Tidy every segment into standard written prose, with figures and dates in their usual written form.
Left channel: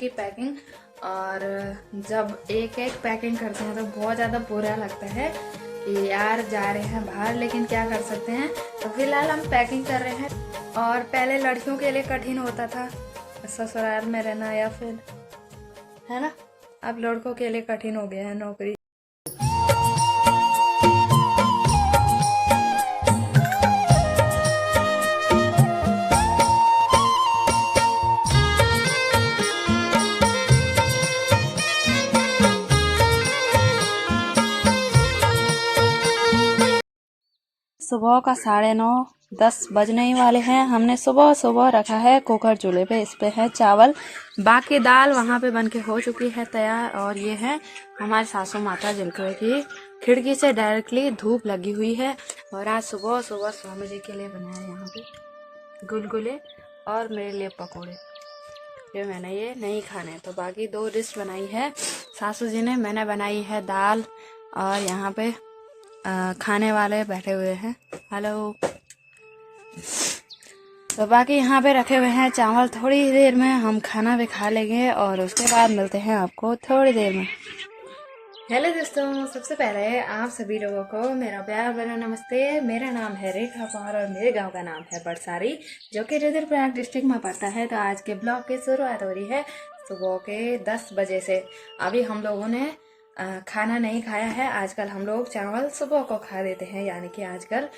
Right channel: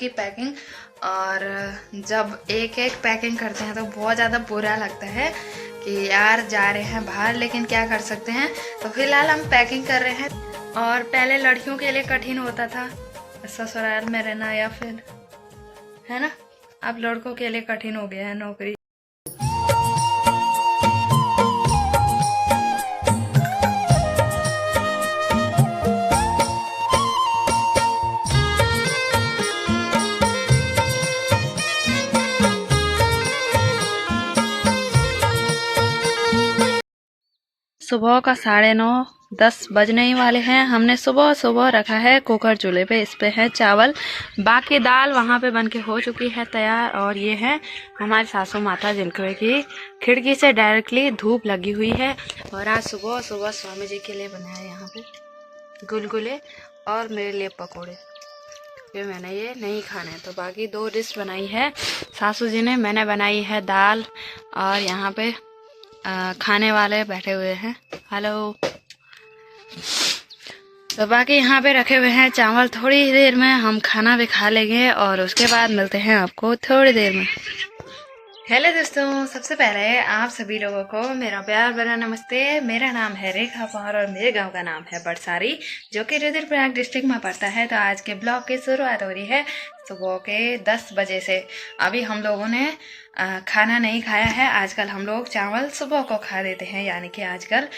की पैकिंग। और जब एक एक पैकिंग करते हैं तो बहुत ज़्यादा बुरा लगता है कि यार जा रहे हैं बाहर, लेकिन क्या कर सकते हैं। तो फिलहाल हम पैकिंग कर रहे हैं। और पहले लड़कियों के लिए कठिन होता था ससुराल में रहना, या फिर है ना, अब लड़कों के लिए कठिन हो गया है नौकरी। सुबह का 9:30 बजने ही वाले हैं। हमने सुबह सुबह रखा है कुकर चूल्हे पे, इस पे है चावल, बाकी दाल वहाँ पे बनके हो चुकी है तैयार। और ये है हमारी सासू माता जिनको की खिड़की से डायरेक्टली धूप लगी हुई है। और आज सुबह सुबह स्वामी जी के लिए बनाया यहाँ पे गुलगुले और मेरे लिए पकौड़े, फिर मैंने ये नहीं खाने तो बाकी 2 डिश बनाई है सासू जी ने। मैंने बनाई है दाल, और यहाँ पे खाने वाले बैठे हुए हैं। हेलो। तो बाकी यहाँ पे रखे हुए हैं चावल। थोड़ी देर में हम खाना भी खा लेंगे और उसके बाद मिलते हैं आपको थोड़ी देर में। हेलो दोस्तों, सबसे पहले आप सभी लोगों को मेरा प्यार भरा नमस्ते। मेरा नाम है रेखा पवार और मेरे गांव का नाम है बड़सारी, जो कि रुद्रप्रयाग डिस्ट्रिक्ट में पड़ता है। तो आज के ब्लॉग की शुरुआत हो रही है सुबह के 10 बजे से। अभी हम लोगों ने खाना नहीं खाया है। आजकल हम लोग चावल सुबह को खा देते हैं, यानी कि आजकल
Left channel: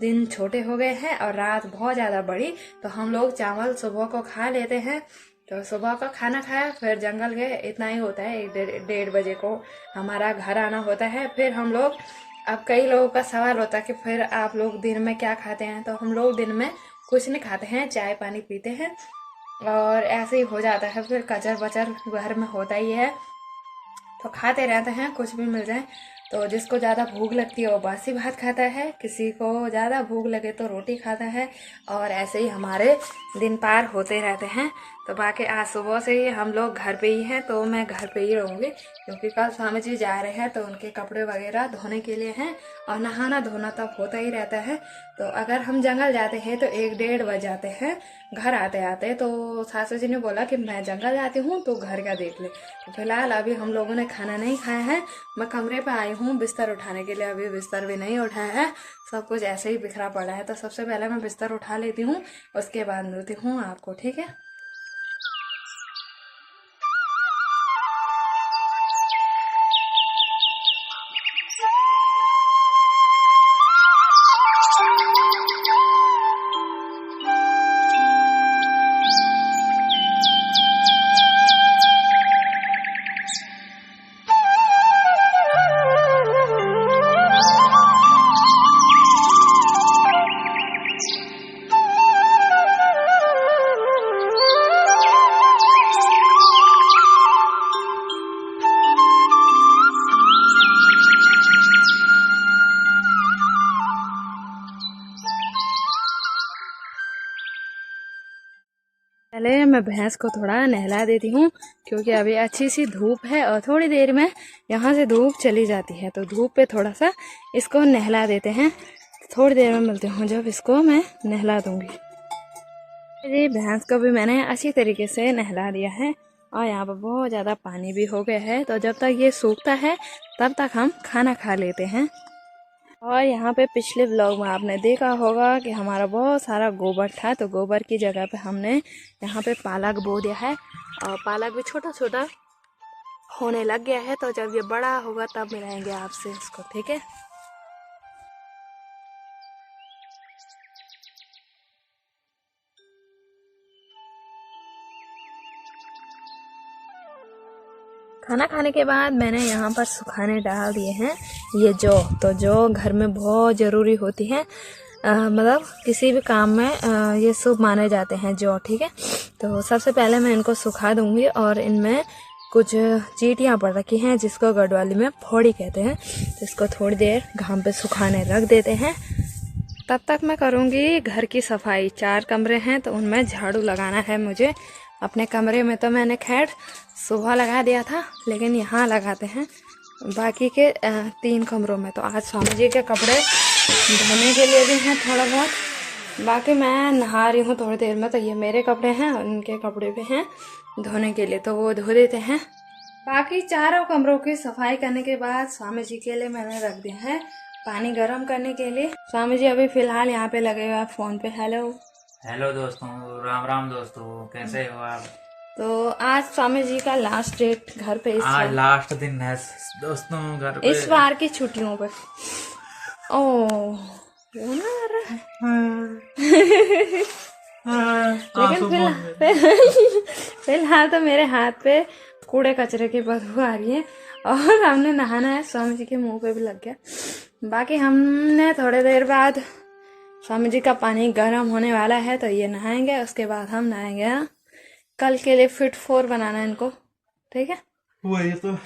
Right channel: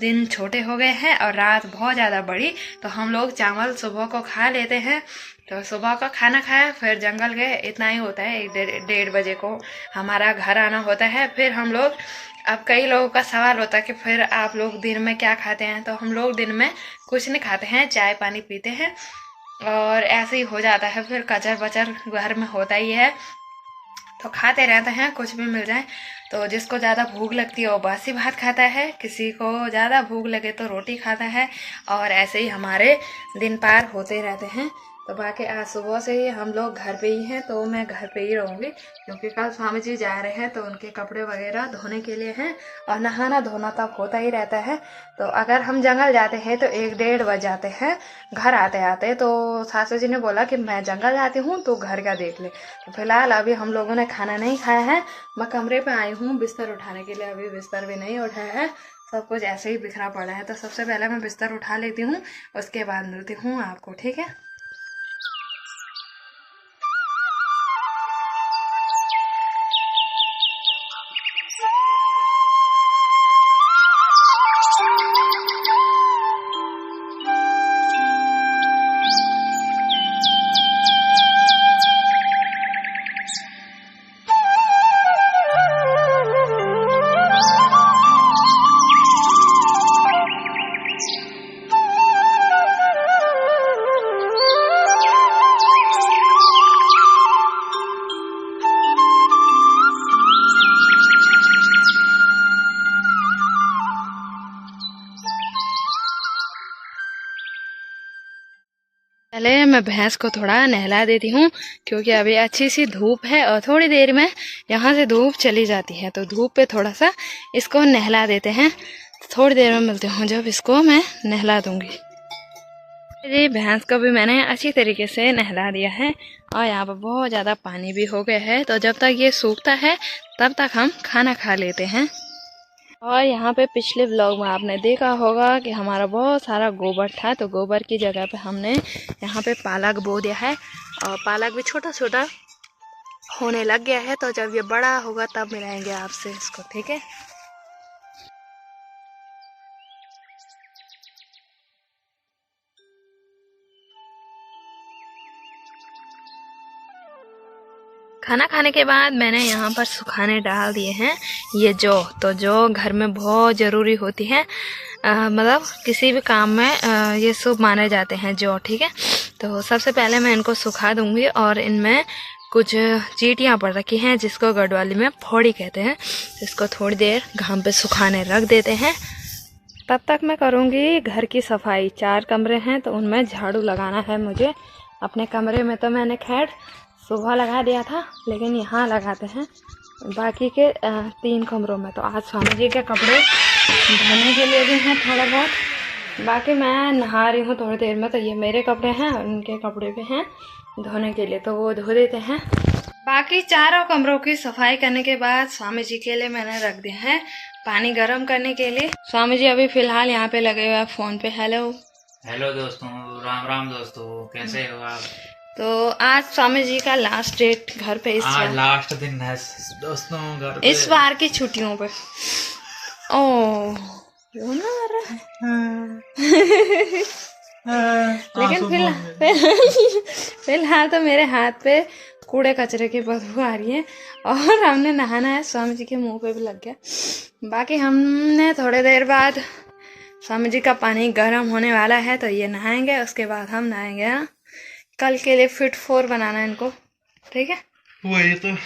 दिन छोटे हो गए हैं और रात बहुत ज़्यादा बड़ी, तो हम लोग चावल सुबह को खा लेते हैं। तो सुबह का खाना खाया, फिर जंगल गए, इतना ही होता है। 1-1:30 बजे को हमारा घर आना होता है। फिर हम लोग, अब कई लोगों का सवाल होता है कि फिर आप लोग दिन में क्या खाते हैं, तो हम लोग दिन में कुछ नहीं खाते हैं, चाय पानी पीते हैं और ऐसे ही हो जाता है। फिर कचर बचर घर में होता ही है, तो खाते रहते हैं कुछ भी मिल जाए। तो जिसको ज़्यादा भूख लगती है वो बासी भात खाता है, किसी को ज़्यादा भूख लगे तो रोटी खाता है, और ऐसे ही हमारे दिन पार होते रहते हैं। तो बाकी आज सुबह से ही हम लोग घर पे ही हैं, तो मैं घर पे ही रहूँगी क्योंकि कल स्वामी जी जा रहे हैं, तो उनके कपड़े वगैरह धोने के लिए हैं और नहाना धोना तब होता ही रहता है। तो अगर हम जंगल जाते हैं तो 1-1:30 बज जाते हैं घर आते आते। तो सासू जी ने बोला कि मैं जंगल जाती हूँ तो घर का देख ले। तो फिलहाल अभी हम लोगों ने खाना नहीं खाया है। मैं कमरे पे आई हूँ बिस्तर उठाने के लिए, अभी बिस्तर भी नहीं उठाया है, सब कुछ ऐसे ही बिखरा पड़ा है। तो सबसे पहले मैं बिस्तर उठा लेती हूँ, उसके बाद मिलती हूँ आपको, ठीक है। पहले मैं भैंस को थोड़ा नहला देती हूँ क्योंकि अभी अच्छी सी धूप है और थोड़ी देर में यहाँ से धूप चली जाती है। तो धूप पे थोड़ा सा इसको नहला देते हैं। थोड़ी देर में मिलती हूँ जब इसको मैं नहला दूँगी। जी, भैंस को भी मैंने अच्छी तरीके से नहला दिया है और यहाँ पर बहुत ज़्यादा पानी भी हो गया है। तो जब तक ये सूखता है तब तक हम खाना खा लेते हैं। और यहाँ पे पिछले व्लॉग में आपने देखा होगा कि हमारा बहुत सारा गोबर था, तो गोबर की जगह पे हमने यहाँ पे पालक बो दिया है और पालक भी छोटा छोटा होने लग गया है। तो जब ये बड़ा होगा तब मिलाएंगे आपसे इसको, ठीक है। खाना खाने के बाद मैंने यहाँ पर सुखाने डाल दिए हैं ये जौ। तो जौ घर में बहुत ज़रूरी होती है, मतलब किसी भी काम में ये शुभ माने जाते हैं जौ, ठीक है। तो सबसे पहले मैं इनको सुखा दूँगी और इनमें कुछ चींटियाँ पड़ रखी हैं जिसको गढ़वाली में फोड़ी कहते हैं। तो इसको थोड़ी देर घाम पे सुखाने रख देते हैं। तब तक मैं करूँगी घर की सफाई। 4 कमरे हैं तो उनमें झाड़ू लगाना है मुझे। अपने कमरे में तो मैंने खैर सुबह लगा दिया था, लेकिन यहाँ लगाते हैं बाकी के 3 कमरों में। तो आज स्वामी जी के कपड़े धोने के लिए भी हैं थोड़ा बहुत। बाकी मैं नहा रही हूँ थोड़ी देर में, तो ये मेरे कपड़े हैं और उनके कपड़े भी हैं। धोने के लिए, तो वो धो देते हैं। बाकी चारों कमरों की सफाई करने के बाद स्वामी जी के लिए मैंने रख दिया है पानी गर्म करने के लिए। स्वामी जी अभी फिलहाल यहाँ पे लगे हुए हैं फोन पे। हेलो दोस्तों, राम राम दोस्तों, कैसे हो आप? तो आज स्वामी जी का लास्ट डेट घर पे, आज लास्ट दिन है दोस्तों घर पे, इस बार की छुट्टियों पे। रोना आ रहा है। लेकिन फिलहाल तो मेरे हाथ पे कूड़े कचरे की बदबू आ रही है और हमने नहाना है, स्वामी जी के मुंह पे भी लग गया। बाकी हमने थोड़ी देर बाद, स्वामी जी का पानी गर्म होने वाला है तो ये नहाएंगे, उसके बाद हम नहाएंगे। हाँ, कल के लिए फिट 4 बनाना है इनको, ठीक है? वही तो।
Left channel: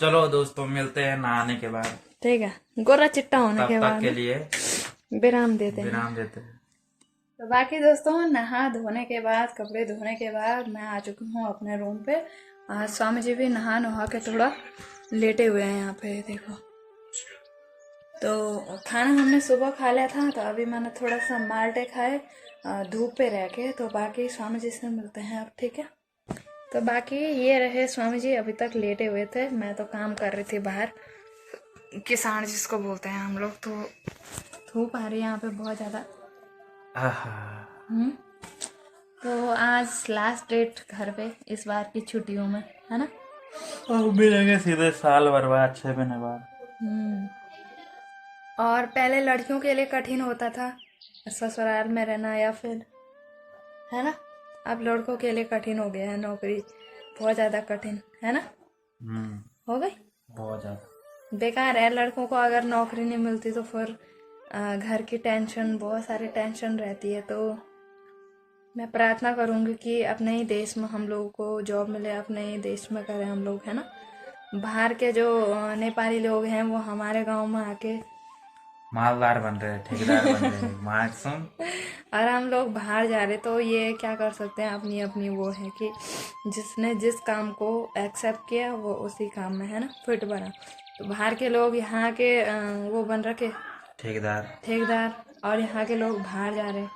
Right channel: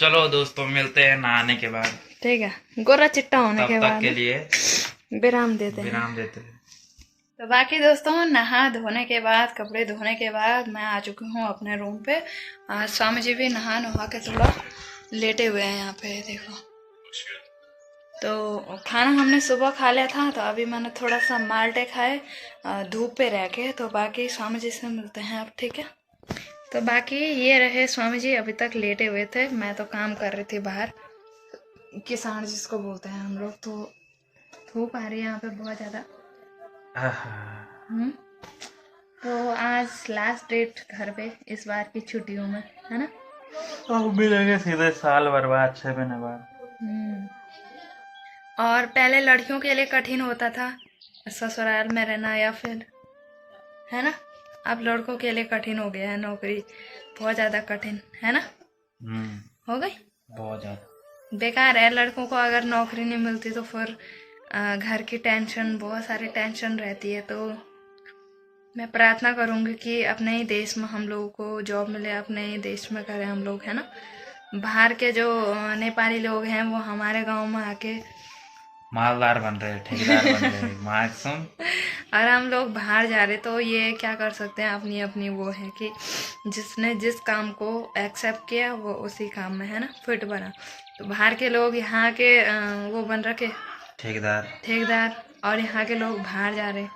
चलो दोस्तों, मिलते हैं नहाने के बाद, ठीक है? गोरा चिट्टा होने के बाद के लिए विराम देते हैं। तो बाकी दोस्तों, नहा धोने के बाद, कपड़े धोने के बाद मैं आ चुकी हूँ अपने रूम पे। आज स्वामी जी भी नहा के थोड़ा लेटे हुए हैं यहाँ पे, देखो। तो खाना हमने सुबह खा लिया था, तो अभी मैंने थोड़ा सा माल्टे खाए धूप पे रह के। तो बाकी स्वामी जी से मिलते हैं अब, ठीक है? तो बाकी ये रहे स्वामी जी, अभी तक लेटे हुए थे। मैं तो काम कर रही थी बाहर, किसान जिसको बोलते हैं हम लोग। तो धूप आ रही है यहाँ पे बहुत ज़्यादा। तो आज लास्ट डेट घर पे इस बार की छुट्टियों में, है ना? अब मिलेंगे सीधे साल भर बाद, 6 महीने बाद। और पहले लड़कियों के लिए कठिन होता था ससुराल में रहना, या फिर, है ना? अब लड़कों के लिए कठिन हो गया है, नौकरी बहुत ज़्यादा कठिन, है ना? हो गई बहुत ज़्यादा बेकार है। लड़कों को अगर नौकरी नहीं मिलती तो फिर घर की टेंशन, बहुत सारी टेंशन रहती है। तो मैं प्रार्थना करूँगी कि अपने ही देश में हम लोगों को जॉब मिले, अपने ही देश में करें हम लोग, है ना? बाहर के जो नेपाली लोग हैं वो हमारे गांव में आके मालदार बन रहे, ठेकेदार बन रहे, मासूम। और हम लोग बाहर जा रहे, तो ये क्या कर सकते हैं, अपनी अपनी वो है कि जिसने जिस काम को एक्सेप्ट किया वो उसी काम में, है ना, फिट बना। तो बाहर के लोग यहाँ के वो बन रखे ठेकेदार, और यहाँ के लोग बाहर जा रहे।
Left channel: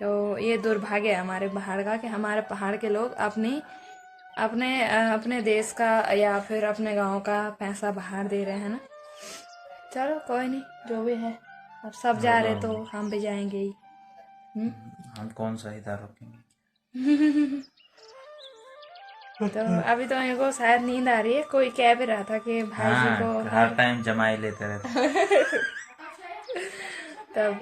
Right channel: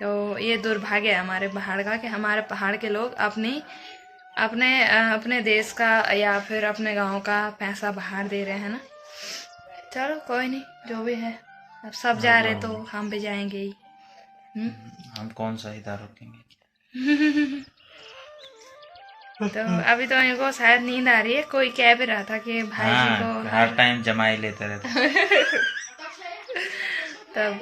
तो ये दुर्भाग्य है हमारे पहाड़ का कि हमारे पहाड़ के लोग अपने देश का या फिर अपने गांव का पैसा बाहर दे रहे हैं ना। चलो कोई नहीं, जो भी है, अब सब जा रहे तो हम भी जाएंगे ही। हम कौन सा इधर रुकेंगे? तो अभी तो इनको शायद नींद आ रही है। कोई कह भी रहा था कि भाई जी को हर टाइम जमाई लेते रहते। तब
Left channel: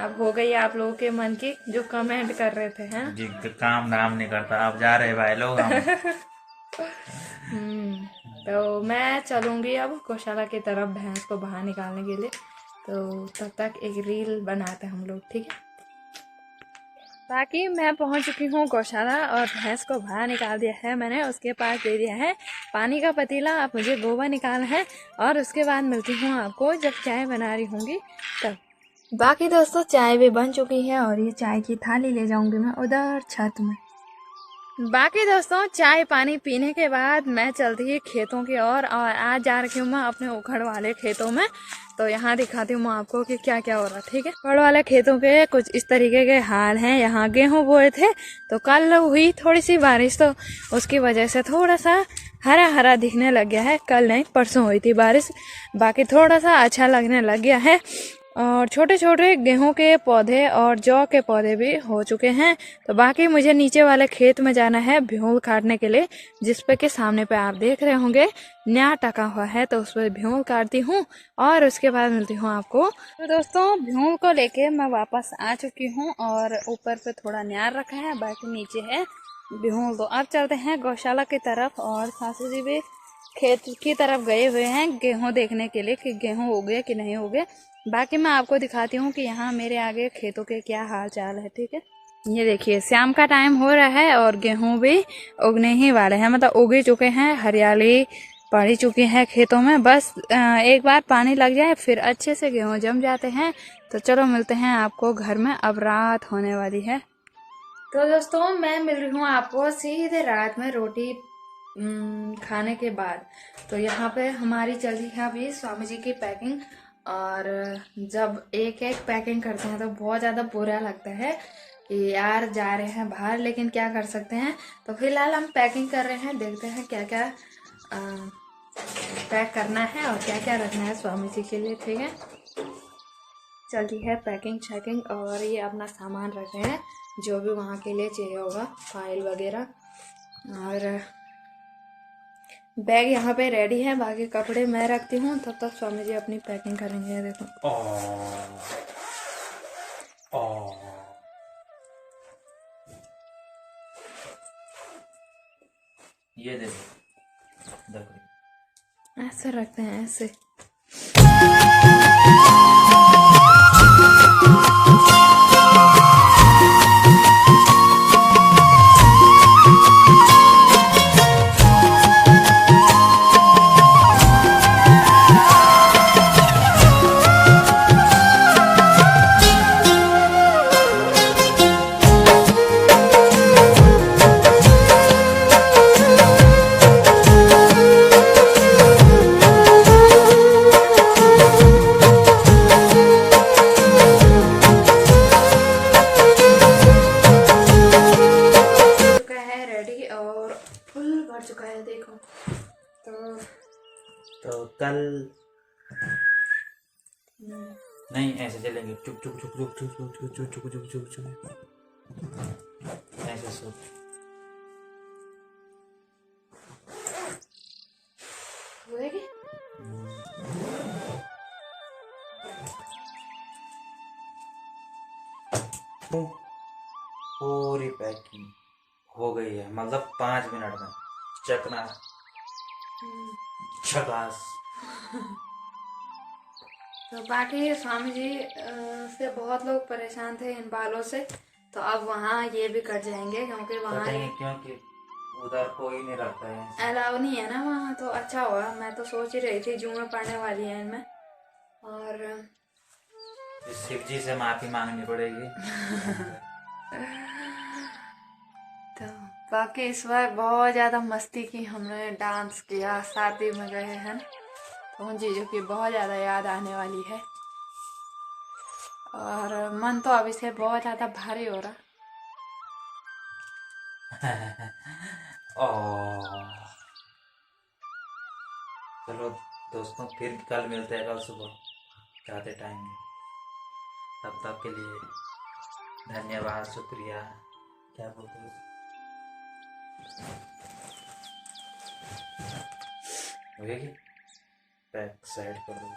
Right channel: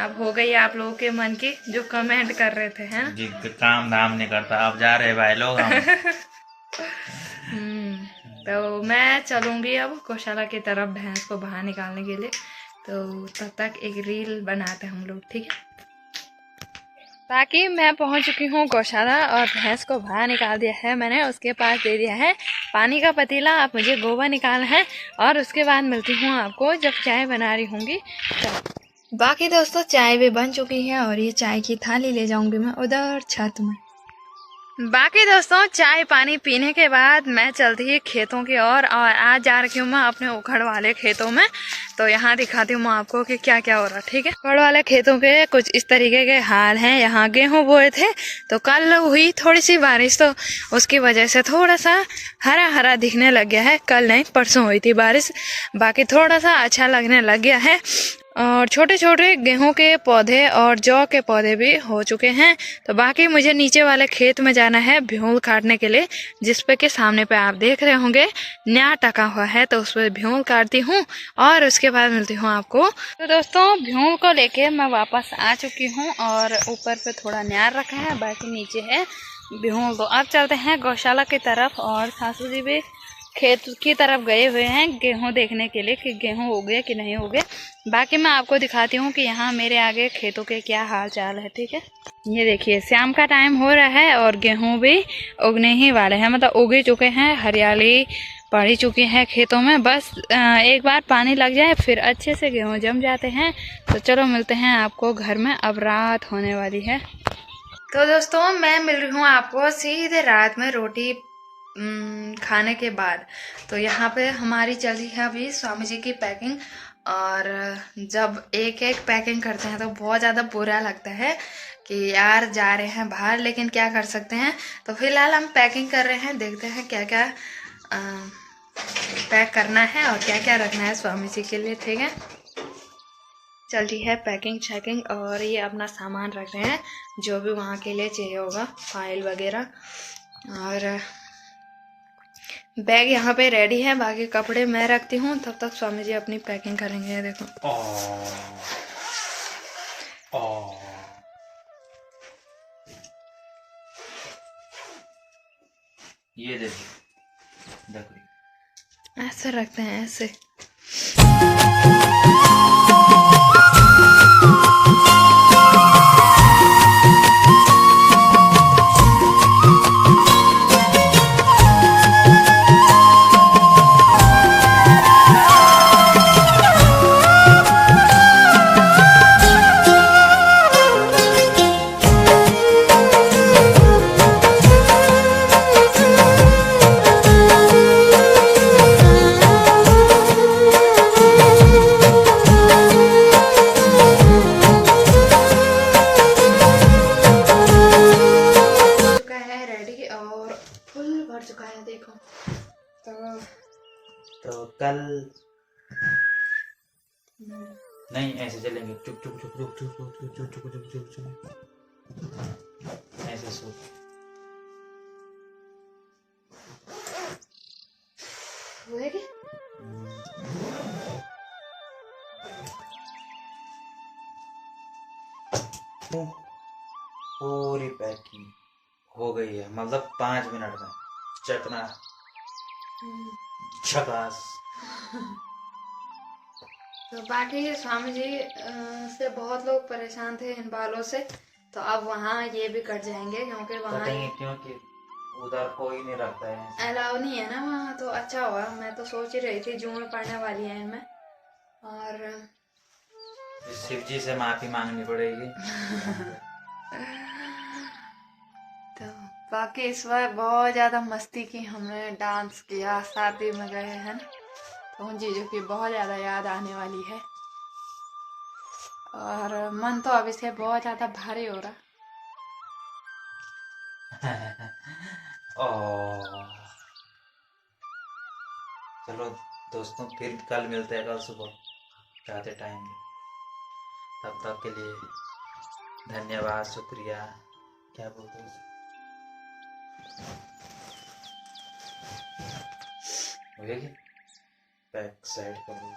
अब हो गई आप लोगों के मन की, जो कमेंट कर रहे थे, हैं? जी, काम धाम नहीं करता, अब जा रहे भाई लोग हम। तो मैं चलूँगी अब गौशाला की तरफ भैंस को बाहर निकालने के लिए। तो तब तक एक रील बनाते हम लोग, ठीक है? बाकी मैं पहुंच चुकी हूँ गौशाला और भैंस को बाहर निकाल दिया है मैंने। उसके पास दे दिया है पानी का पतीला। अब मुझे गोबर निकालना है और उसके बाद मिलती हूँ आपको जब चाय बना रही होंगी तब। बाकी दोस्तों, चाय भी बन चुकी है और ये चाय की थाली ले जाऊंगी मैं उधर छत में। बाकी दोस्तों, चाय पानी पीने के बाद मैं चलती ही खेतों की ओर, और आज जा रही हूँ मैं अपने उखड़ वाले खेतों में। तो यहाँ दिखाती हूँ मैं आपको कि क्या क्या हो रहा है, ठीक है? उखड़ वाले खेतों के कुछ इस तरीके के हाल हैं। यहाँ गेहूँ बोए थे, तो कल हुई थोड़ी सी बारिश, तो उसकी वजह से थोड़ा सा हरा हरा दिखने लग गया है। कल नहीं, परसों हुई थी बारिश, बाकी थोड़ा सा अच्छा लगने लग गया है। और छोटे छोटे गेहूं के पौधे और जौ के पौधे भी हो चुके हैं। तो बाकी मुझे नीचे वाले खेत में जाना है भ्यूल काटने के लिए, जिस पे के सामने पे आप देख रहे होंगे न्यार टका हुआ है। तो उस पर भ्यूल काटती हूँ और उसके बाद मिलती हूँ आपको। तो दोस्तों, भ्यूल को लेके मैं वापस आ चुकी हूँ और ऊपर पे थोड़ा न्यार रखा है, बाकी नीचे है भ्यूल। तो अब चलते हैं गौशाला की तरफ, और सासू जी भी खेत की तरफ गए हुए हैं गेहूं देखने के लिए कि गेहूं हो गए कि नहीं हो गए। बाकी मैं आपको दिखाती हूँ कि यहाँ मेरे आगे खेतों के क्या हाल चाल है, ठीक है? ये देखिए, शाम का टाइम हो रहा है और गेहूं भी उगने ही वाले हैं, मतलब उग ही चुके हैं, हरियाली पड़ी चुकी है खेतों में। बस एक बार पानी लग जाए फिर अच्छे से गेहूँ जम जाते हैं। तो चलो मिलते हैं आपको घर में, अब रात होने वाली है। तो दोस्तों, मैं मिल रही हूँ आपको सीधे रात में रोटी खाने के बाद। तो यहाँ पे हमारी चल रही है अभी स्वामी जी की पैकिंग, और जब एक एक पैकिंग करते हैं तो बहुत ज़्यादा बुरा लगता है कि यार जा रहे हैं बाहर, लेकिन क्या कर सकते हैं। तो फिलहाल हम पैकिंग कर रहे हैं, देखते हैं क्या क्या पैक करना है और क्या क्या रखना है स्वामी जी के लिए। ठीक है, चल रही है पैकिंग शैकिंग, और ये अपना सामान रख रहे हैं जो भी वहाँ के लिए चाहिए होगा, फाइल वगैरह। और बैग यहाँ पे रेडी है, बाकी कपड़े मैं रखती हूँ, तब तक स्वामी जी अपनी पैकिंग करेंगे। देखो ये देखो ऐसे रखते हैं, ऐसे। चुका है, देखो। तो कल नहीं ऐसे चलेंगे, चुप चुप चुप चुप चुप चुप चुप चुप चुप चुप चुप चुप ऐसे सोच। पूरी पैकिंग हो गई है, मतलब 5 मिनट में चकना झकास। तो बाकी स्वामी जी से बहुत लोग परेशान थे इन बालों से, तो अब वहाँ ये भी कट जाएंगे, क्योंकि वहाँ क्योंकि उधर कोई नहीं रहता है, अलाउ नहीं है ना वहाँ। तो अच्छा हुआ, मैं तो सोच ही रही थी जून में पड़ने वाली है इनमें, और शिव जी से माफी मांगनी पड़ेगी। तो बाकी इस बार बहुत ज़्यादा मस्ती की हमने, डांस किया, शादी में गए हैं, तो उन चीज़ों की बहुत ज़्यादा याद आने वाली है। और मन तो अभी से बहुत ज़्यादा भारी हो रहा। चलो दोस्तों, फिर कल मिलते हैं, कल सुबह चाहते टाइम। तब तक के लिए धन्यवाद, शुक्रिया, क्या बोलते हैं, बैक साइड कर दो।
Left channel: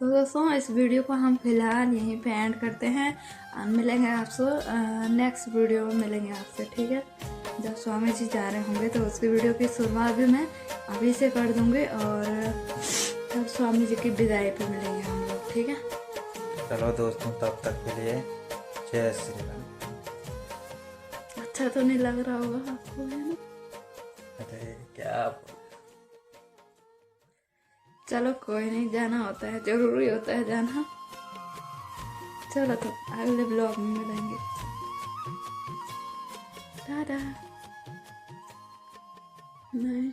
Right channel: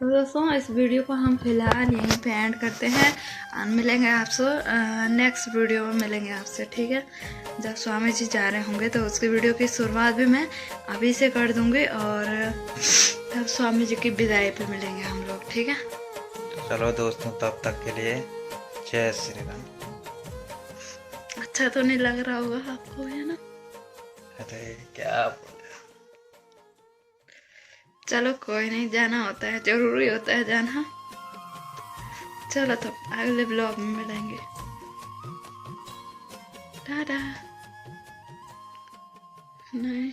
दोस्तों इस वीडियो को हम फिलहाल यहीं पे एंड करते हैं, और मिलेंगे आपसे नेक्स्ट वीडियो में, मिलेंगे आपसे। ठीक है, जब स्वामी जी जा रहे होंगे तो उसकी वीडियो की शुरुआत भी मैं अभी से कर दूंगी, और तब स्वामी जी की विदाई पे मिलेंगे हम लोग। ठीक है, चलो दोस्तों, तब तक के लिए जय श्री राम। अच्छा तो नहीं लग रहा होगा आपको, है ना? अरे क्या, चलो कोई नहीं, जाना होता है, जरूरी होता है जाना। चलो तो अगले ब्लॉग में मिलेंगे, टाटा। नहीं।